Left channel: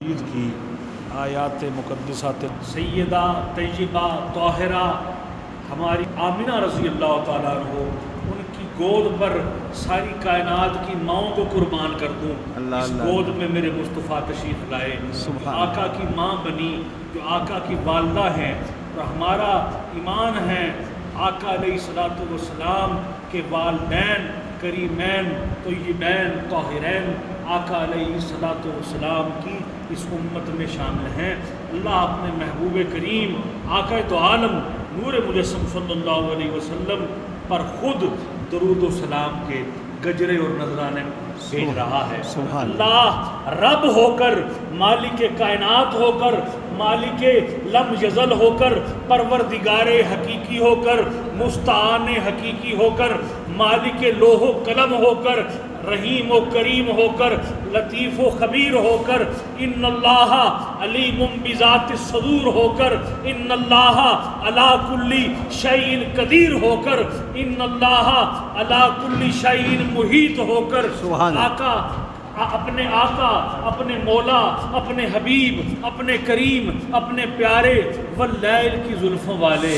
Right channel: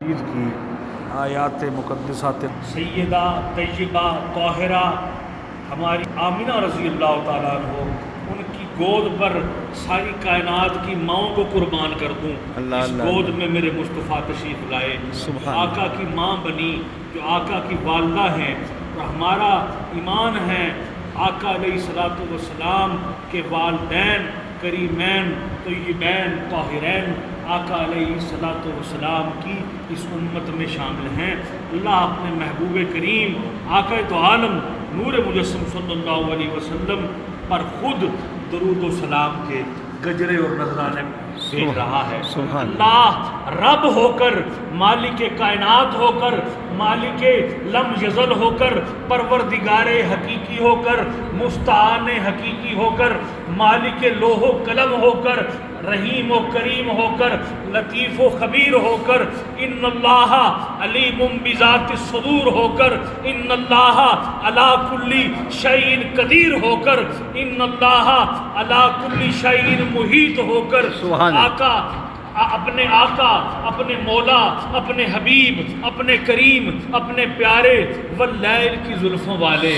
عید کی آیات مقدسات سیدہ طیبہ طاہرہ ہماری آمنہ رضی اللہ تعالیٰ عنہ، ان کی گود پر ساری کائنات کی ماؤں کو قربان کر دوں۔ اس گود میں میرے مصطفیٰ تشریف لائے، آقا کی ماں بنی، جو آقا کی والدہ ہیں، اور ہمارا ایمان ہے آقا علیہ الصلوۃ والسلام کے والدین کریمین طیبین طاہرین آقا علیہ الصلوۃ والسلام کی اس امت میں شامل ہیں۔ اللہ اپنے محبوب کریم آقا تو عالم نور مجسم صلی اللہ علیہ وسلم پر خود درود و سلام کے گجرے اور نذرانے بھیج رہا ہے۔ اللہ رب ہو کر، مالک کائنات ہو کر، مالک لم یزل ہو کر، پروردگار حقیقی ہو کر، مستعان حقیقی ہو کر، مالک لوح و قلم ہو کر، رحیم و کریم ہو کر، لطیف و خبیر ہو کر، ان اللہ علیم بذات الصدور ہو کر، ان اللہ علی کل شیء قدیر ہو کر، ان اللہ علی کل شیء محیط ہو کر، آقا اپنے آقا، اپنے مولا، اپنے حبیب، اپنے کریم، اپنے پیارے واللیل کی زلفوں والے،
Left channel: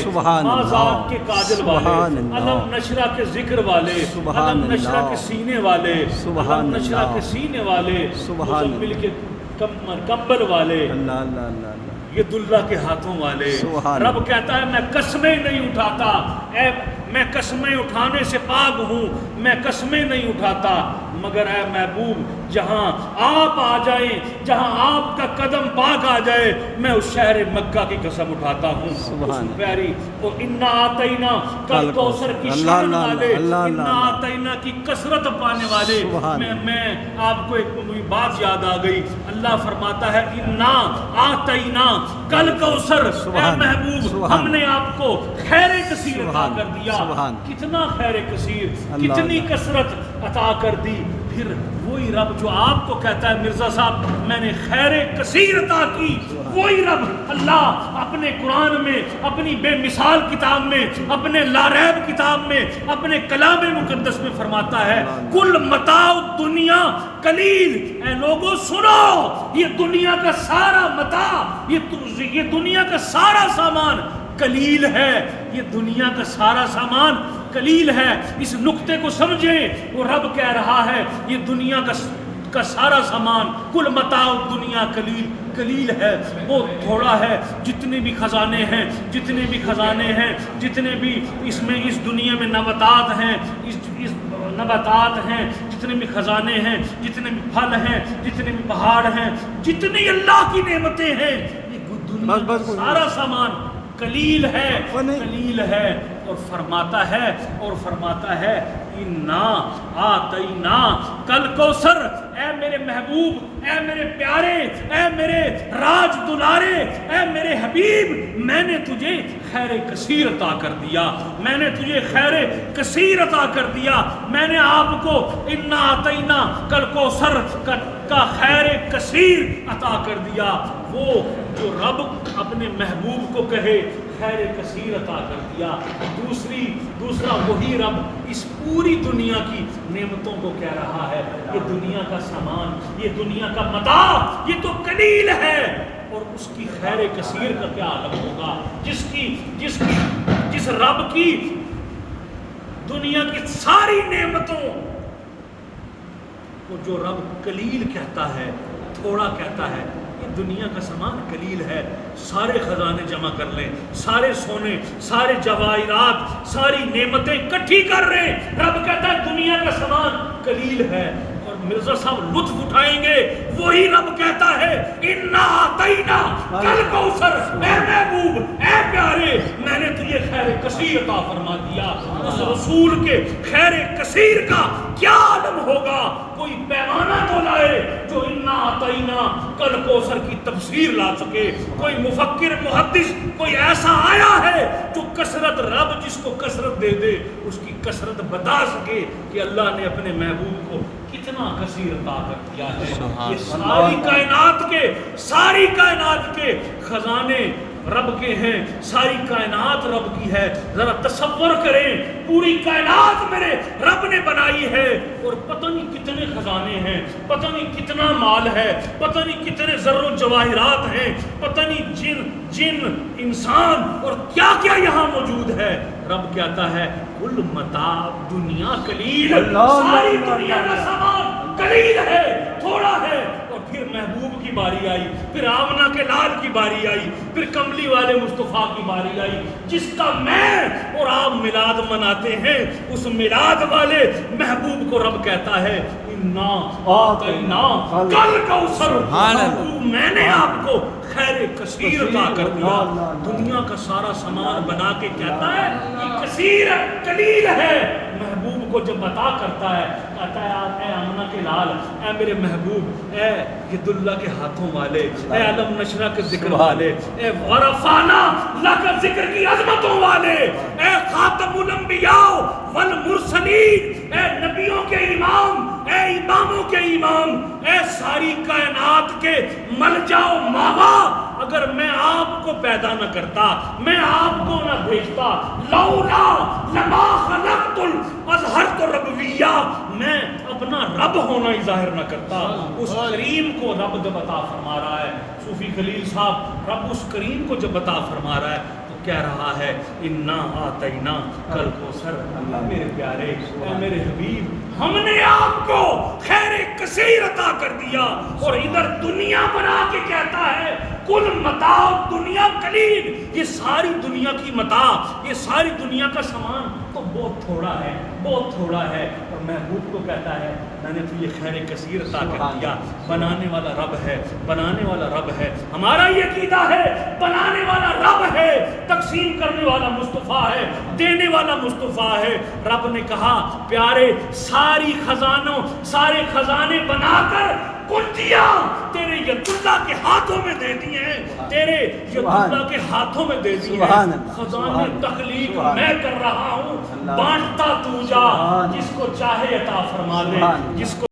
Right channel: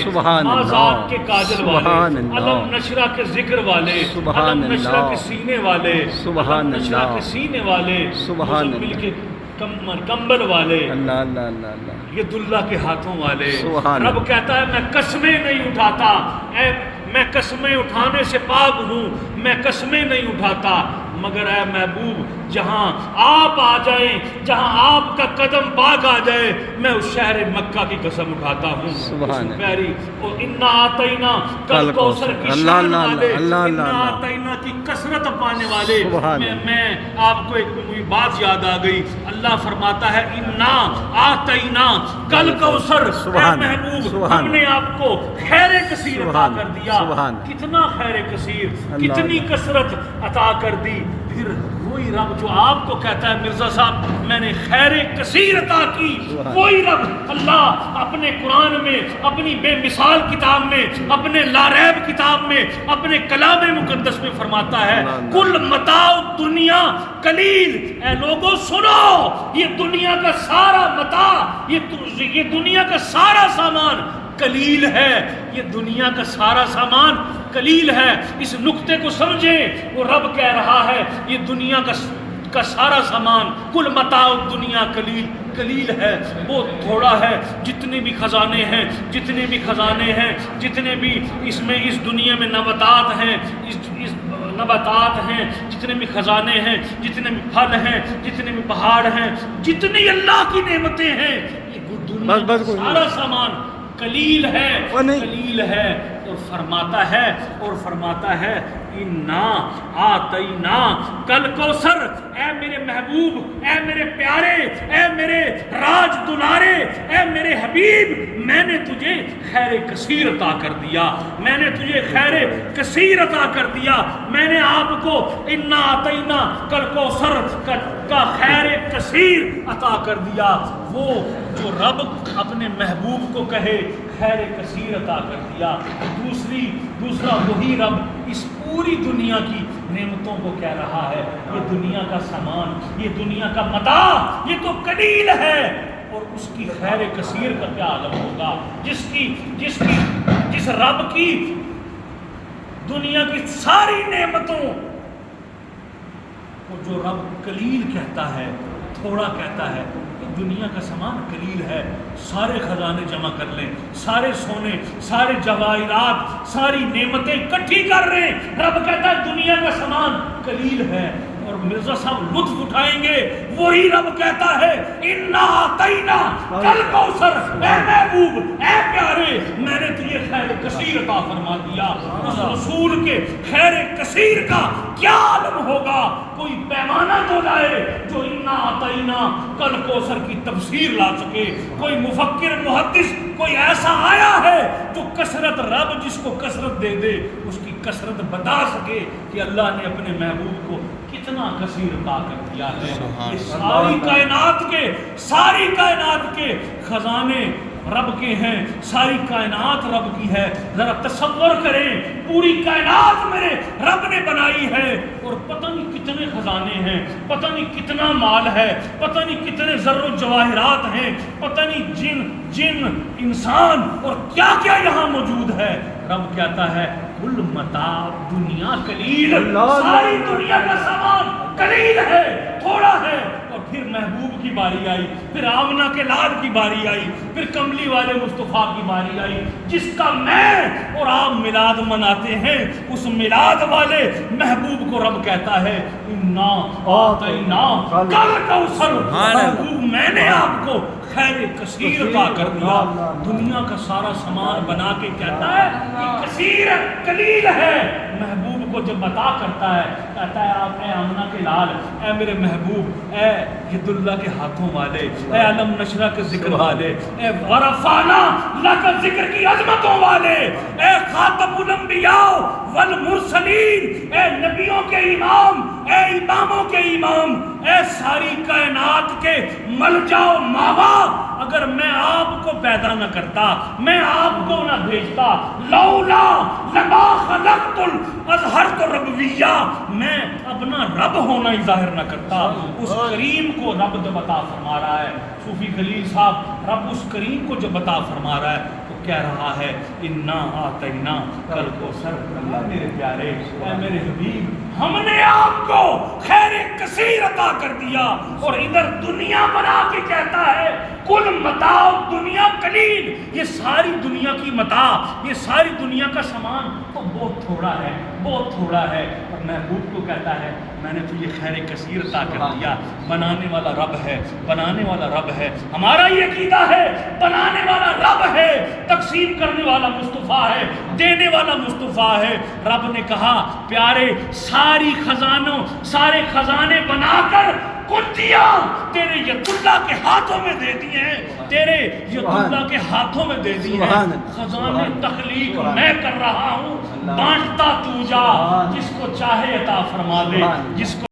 آزاد کے کاجل والے، علم نشرہ کے ذکر والے، علم نشرہ کے سینے والے، علم نشرہ کے سینے والے، مزمل کے کمبل والے، یہ دلہ کے ہاتھوں والے۔ رب کہتا ہے میں قسمیں نہیں اٹھاتا، اے میں قسمیں اٹھانے سے پاک ہوں، میں قسمیں نہیں اٹھاتا، مگر اے محبوب جہاں آپ آ جائیں، جہاں آپ کا قدم پاک آ جائے، میں اس شہر مکہ کی قسم اٹھاتا ہوں۔ اس پیاری اور انا آتینا کل کوثر کی شان والے، انا آتینا کی کثرت پانے والے، میں آپ کو ایک بات یاد آ گئی، اللہ فرماتا ہے انا آتینا کل کوثر، اے محبوب ہم نے آپ کو خیر کثیر عطا کر دیا۔ کتنا خیر کثیر، کتنی کثرت عطا کر دی۔ پھر وہی رب جو آپ کو کہتا ہے مرزا صاحب میں نے خیر کثیر عطا کی، وہی رب اللہ اپنے قرآن میں، اپنی بے مثال کتاب میں، اپنے لا ریب کتاب میں، اپنے کلام مقدس میں فرماتا ہے کل متاع الدنیا قلیل، اے لوگوں سنو، یہ دنیا کا سارا متاع، یہ دنیا کا سارا سامان قلیل ہے، یہ دنیا کا سارا سامان قلیل ہے۔ اس نقطے کو سمجھیں، وہ رب کہہ رہا ہے یہ دنیا کا سارا سامان کل متاع الدنیا قلیل ہے، وہ تھوڑا ہے۔ جتنے بھی خزانے ہیں، جتنے بھی خزانے ہیں، جتنے بھی اس دنیا میں نباتات ہیں، نباتات ہیں، جتنے بھی خزانے ہیں، جتنے بھی پھل ہیں، جتنے بھی پہاڑ ہیں، جتنی اللہ کی نعمتیں ہیں، یہ دنیا کا سارا سامان قلیل ہے، قلیل ہے۔ اور فرماتا ہے انا آتینا کل کوثر، اے میرے محبوب، اے میرے پیارے، اے میرے راج دلارے، اے میرے حبیب، میں نے تجھے خیر کثیر عطا کر دیا، میں نے تجھے خیر کثیر عطا کر دیا، میں نے آپ کو انا آتینا کل کوثر کا خیر کثیر عطا کر دیا۔ وہ جو رب اپنے محبوب کو کہے خیر کثیر عطا کر دیا، دوسرا وہی رب اس پوری دنیا کی نعمتوں کو کہہ رہا ہے یہ دنیا کا سامان، یہ دنیا کا متاع یہ تو قلیل ہے، اور اس کی خیر کثیر کا کیا عالم ہوگا، جس رب کی دنیا کی ساری نعمتوں کو جو رب قلیل کہتا ہے، تھوڑا کہتا ہے، دنیا کا سامان قلیل ہے، سارے خزانے جمع کر لیں، سارے سونے، سارے جواہرات، ساری نعمتیں اکٹھی کر رہے، رب کہتا ہے دنیا کا سامان قلیل ہے۔ اور مرزا صاحب لطف اٹھائیں گے، وہی رب کہتا ہے انا آتینا کل کوثر، اے محبوب، اے پیارے، میں نے تجھے خیر کثیر عطا فرما دیا۔ اس رسول کے خیر کثیر کا کیا عالم ہوگا، کوئی پیمانہ تو لائے جو انا آتینا کل کوثر کی تفسیر لا سکے، کوئی مفکر محدث کوئی ایسا آیا ہے جو کثرت، رب جس کو کثرت دے دے اس کی کثرت بتا سکے کہ اللہ نے اپنے محبوب کو کتنا کثیر عطا کر دیا ہے۔ یہ ساری کائنات کے خزانے رب کے ہیں، ساری کائنات رب کی ہے. ذرا تصور کریں، پوری کائنات میرے رب نے بنائی ہے، اور پتہ نہیں کتنے خزانے ہیں، پتہ نہیں کتنا مال ہے، پتہ نہیں کتنے زر و جواہرات ہیں، پتہ نہیں جن انسان اور کیا کیا یہاں موجود ہے. رب کہتا ہے کل متاع دنیا قلیل، ساری دنیا کا سامان قلیل ہے، تھوڑا ہے. اور پھر محبوب کی باری آئی، پھر آمنہ کے لال کی باری آئی، پھر کملی والے مصطفیٰ کی باری آئی، جس کا میں اور آپ میلاد مناتے ہیں. اس میلاد والے محبوب کو رب کہتا ہے انا آتینا کل کوثر، محبوب میں نے آپ کو خیر کثیر عطا کر دیا. دنیا کا سارا سامان بنا کے کہتا ہے یہ کثیر ہے، قلیل ہے. محبوب کو جب عطا کرتا ہے کہتا ہے آپ اے آمنہ کے لال، اے میرے محبوب، اے ید اللہ کے ہاتھوں والے، اے علم نشرہ کے ذکر والے، اے ورفعنا لک ذکر کی عظمتوں والے، اے خاتم الانبیاء والمرسلین، اے نبیوں کے امام، اے اماموں کے امام، اے ساری کائنات کے ملجا و ماوا. اگر میں آپ کو پیدا نہ کرتا، میں آپ کو نہ بھیجتا، لولا لما خلقت اظہرت ربویہ، میں اپنا رب ہونا ہی ظاہر نہ کرتا. اس کریم کو رب جب عطا فرما رہا ہے، صوفی خلیل صاحب، رب اس کریم کو جب عطا فرما رہا ہے تو کہہ رہا ہے انا آتینا کل کوثر. میرے پیارے، اے میرے حبیب، ہم نے آپ کو خیر کثیر عطا کر دیا. اور ادھر دنیا بنا کے کہتا ہے کل متاع دنیا قلیل، یہ ساری دنیا کی متاع، یہ ساری دنیا کا سامان تو بہت تھوڑا ہے، بہت تھوڑا ہے. اور محبوب کو کہتا ہے میں نے تو یہ خیر کثیر عطا کر دیا. بنانے والا رب ہے، بنانے والا رب ہے. ہمارا یہ عقیدہ ہے بنانے والا رب ہے، تقسیم کرنے والا مصطفیٰ ہے، دینے والا مصطفیٰ ہے. رب نے کہا پیارے ساری خزانوں، سارے خزانے بنا کر کنجیاں تیرے ید اللہ کے ہاتھوں میں دے دی ہیں، تیرے ید اللہ کے ہاتھوں میں دے دی ہیں. خزانے تخلیق میں کر رہا ہوں، بانٹتا تو جا، جس کو چاہے عطا فرما دے، جس کو